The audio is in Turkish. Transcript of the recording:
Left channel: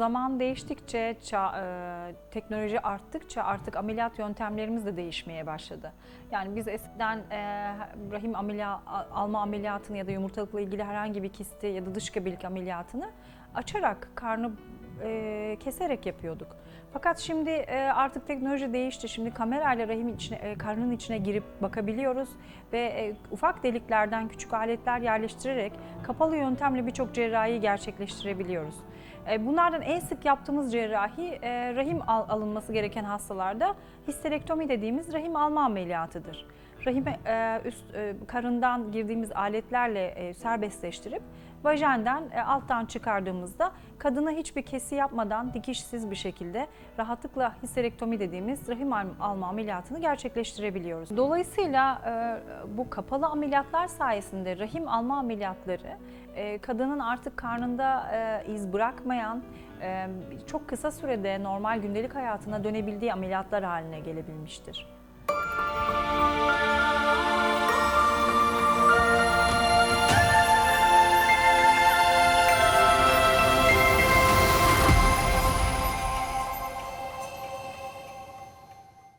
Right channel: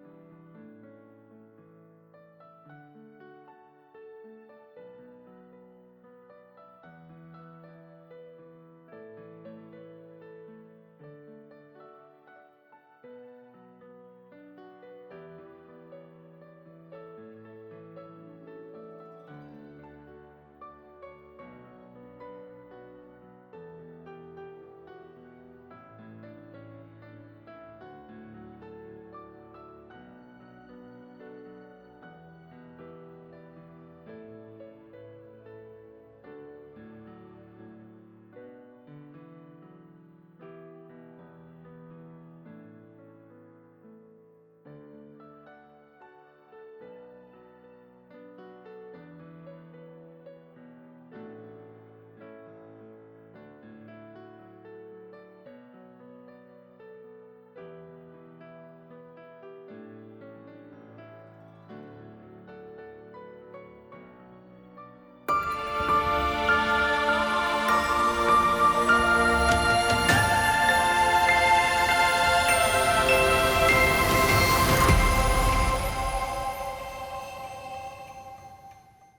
zaman değiştikçe, ça- e, teknoloji arttıkça artık ameliyat yöntemlerimiz de değişmeye başladı. Yani biz eskiden e, rahim ameliya, alma ameliyatını ya da yumurtalıkla ilgili herhangi bir kisti ya da dış gebelik ameliyatını açarak, karnı e, keserek yapıyorduk. Fakat şimdi e, artık teknoloji değişti. Şimdi kamerayla rahim içine, e, karnın içine girip bakabiliyoruz ve e, ufak deliklerden küçük aletler yerleştirerek kapalı yöntemle birçok cerrahiyi gerçekleştirebiliyoruz. E, Bunlardan en sık yaptığımız cerrahi e, rahim al- alınması gereken hastalarda histerektomi dediğimiz rahim alma ameliyatıdır. Rahime e, üst e, karından girdiğimiz aletlerle e, serbestleştirip vajenden alttan çıkardığımızda kadına hiçbir kesi yapmadan dikişsiz bir şekilde rahatlıkla histerektomi dediğimiz rahim al- alma ameliyatını gerçekleştirebiliyoruz. Dolayısıyla bu kapalı ameliyatlar sayesinde rahim alma ameliyatları kadının artık karnında iz bırakmayan, çok kısa sürede normal gündelik hayatına dönebildiği ameliyatlar haline gelebilmiştir.